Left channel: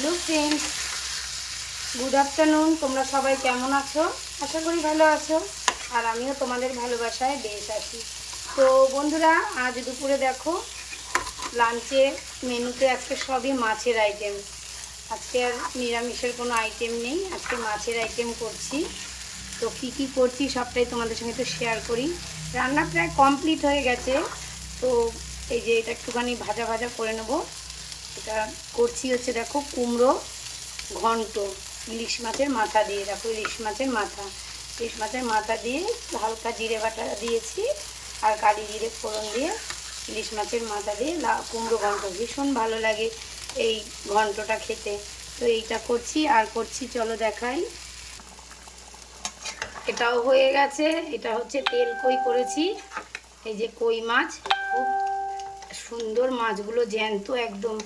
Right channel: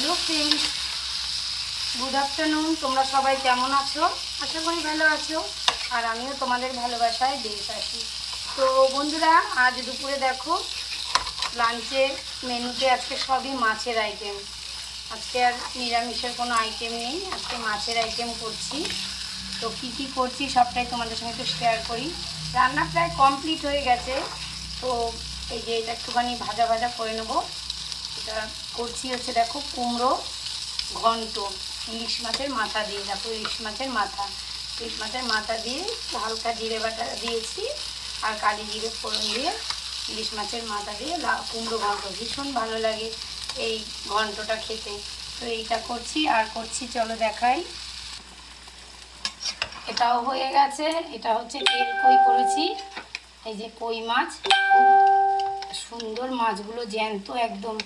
Hello friends, good afternoon. তোমরা সবাই কেমন আছো? আশা করি ভালো আছো, আর আমিও তোমাদের ভালোবাসায় বেশ আছি। তো বন্ধুরা, আজ দুপুরে দেখো লাঞ্চে মেনুতে আজকে সবই মাছের আইটেম। আজকে আর নিরামিষের কোনো আইটেম নেই, আজকে মাছের আইটেম করছি। তো কি কি করছি সবটাই তোমাদের সঙ্গে একটু শেয়ার করি। রান্না প্রায় কমপ্লিট হয়ে গেছে। তো এই যে এটা একটুখানি ভাজা ভাজা করে নেবো। এটা করছি হচ্ছে দেখো কুমড়ো ঘন্ট ইলিশ মাছের মাথা দিয়ে। দেখো ইলিশ মাছের মাথা দিয়ে হালকা জিরে বাটা দিয়েছি আর কালি জিরে ফোড়ন দিয়ে ইলিশ মাছের মাথা দিয়ে কুমড়ো ঘন্ট ভীষণ ভালো লাগে এই ঘন্টটা খেতে। তো এইটা করছি আর করছি, চলো দেখাই। এটাও হয়ে গেছে। এটা হচ্ছে তেল কই করেছি। এই যে কই মাছ, খুব সুন্দর মাছগুলো, জ্যান্ত একদম।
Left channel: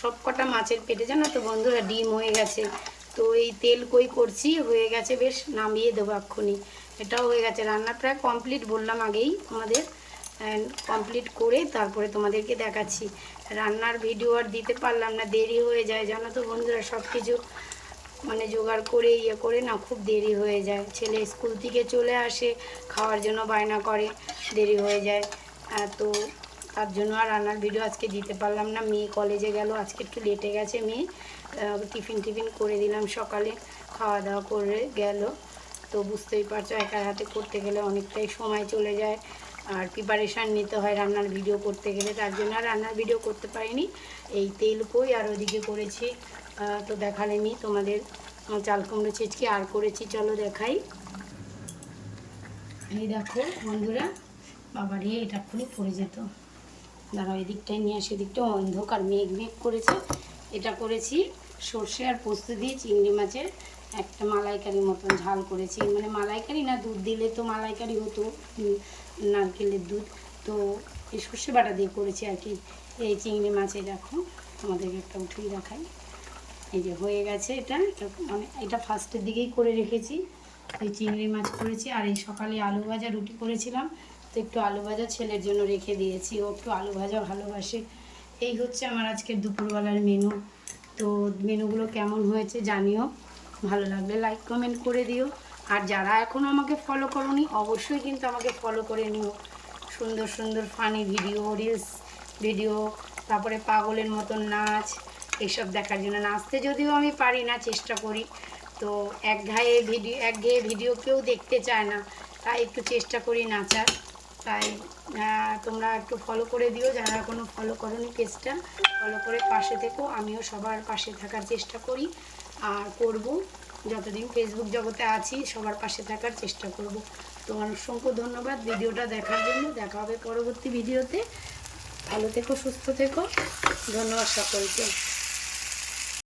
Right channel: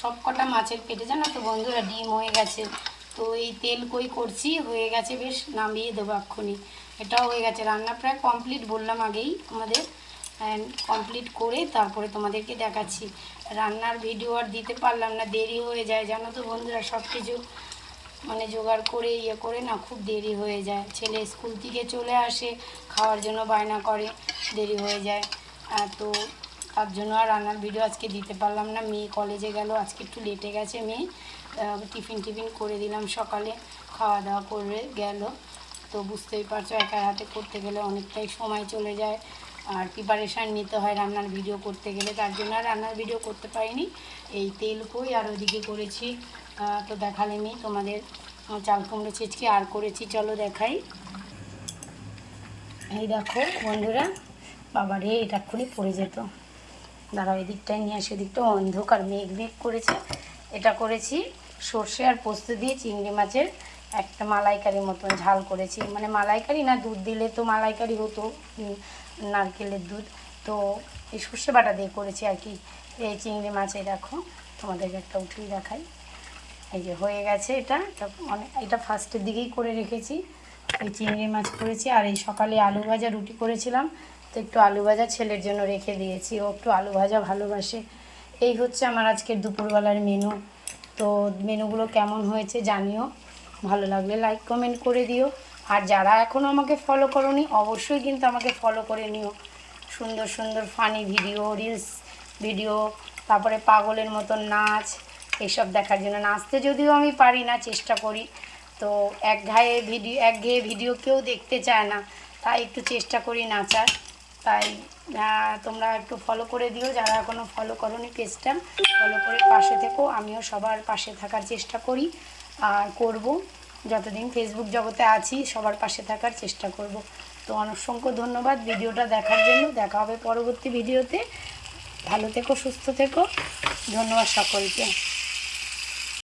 সব কটা মাছের পেটে জানো তো বন্ধুরা ডিম হয়ে গেছে। তো এই তেল কই করছি, হয়ে গেছে বেশ, নামিয়ে দেবো এক্ষুনি। এটাও হয়ে গেছে, রান্না প্রায় কমপ্লিট বললাম আগেই আমাদের। কমপ্লিট করে তারপরে তোমাদেরকে দেখাচ্ছি। রান্নার ভিডিও আর দিতে পারলাম না, দেরি হয়ে যায় জানো তো বন্ধুরা। সব কিছু মানে জোগাড় করে করে না খুব দেরি হয়ে যায়। ছেলে স্কুল থেকে চলে আসে, খাওয়ার জন্য বায়না করে, দেরি হয়ে যায়। তো তার জন্য আর রান্নার ভিডিও আজকে দিতে পারলাম না। মেয়ে কলেজে গেল, আজকে একটু লেটে গেছে মেয়ে। টিফিন করে দিলাম, সকালে খাওয়া দাওয়া করে গেল। তো বুঝতেই পারছো একার হাতে করতে গেলে অনেকটাই সময় চলে যায়, আর প্রিপারেশান নিতে হয় রান্নার ভিডিও করতে গেলে। তার জন্য আর রান্নার ভিডিও করতে পারিনি। এই তেল কই আর ওদিকে করেছি, তো দেখালেনি তোমাদের চাল কুমড়ো চিচকি আর করেছি, চলো দেখাই। এই দেখো বন্ধুরা, বাবারে এটা এক্ষুনি পড়ে যেত। দাঁড়াও এদিকটায় নিয়ে আসে, এদিকটা অন্ধকার, মেঘ করেছে। এটা করেছি সর্ষে আর পোস্ত দিয়ে চিংড়ি মাছের একটা মালাইকারির মতন ঝাল করেছি। মানে মালাইকারি না, দুধ দিলে তো মালাইকারি হতো, নারকেলের দুধ। তো এই সর্ষে বাটা দিয়ে করেছি আর কি। এই চিংড়ি মাছে দেখো, তোমাদেরকে একটা উঠিয়ে দেখাই। এই যে হয়ে গেছে। এটা এটা ফার্স্টের দিকেই করে রেখেছি। ওই চিংড়ি মাছ করেছি, আর এই সকালে আলু ভাজা রুটি করেছিলাম, তো একটু আলু ভাজা ছেলের জন্য রেখে দিয়েছি, ও একটু আলু ভাজা ভালোবাসে। এই হচ্ছে আমার আজকের দুপুরবেলার মেনু। তো মেনুগুলো কেমন হয়েছে জানিও, ভালো লাগলে লাইক কমেন্ট করে দিও। আর যারা এখনও আমাকে ফলো করোনি অবশ্যই কিন্তু আমাকে ফলো করে নিও। সুন্দর সুন্দর ফানি ভিডিও, রিলস ভিডিও, তারপরে পাগলের মতন নাচ, এইসব দেখার জন্য। নাচতে যদিও আমি পারি না, চেষ্টা করি। তো একঘেয়ে ভিডিও কেউ দেখতে চায় না, তাই একটু চেষ্টা করি নাচার। তাই তোমরা একটু ফলো করে দিও, যারা এখনও ফলো করোনি পেজটা, ফলো করে পাশে থেকো। আমিও সবার পাশে থাকার চেষ্টা করি আর করব। যতদিন ফেসবুক জগতে আছি সবার পাশে থাকার চেষ্টা করব। তো অসংখ্য ধন্যবাদ ভিডিওটা দেখার জন্য। দেখা হবে পরবর্তী ভিডিওতে। ভালো থেকো, সুস্থ থেকো, ধন্যবাদ সকলকে।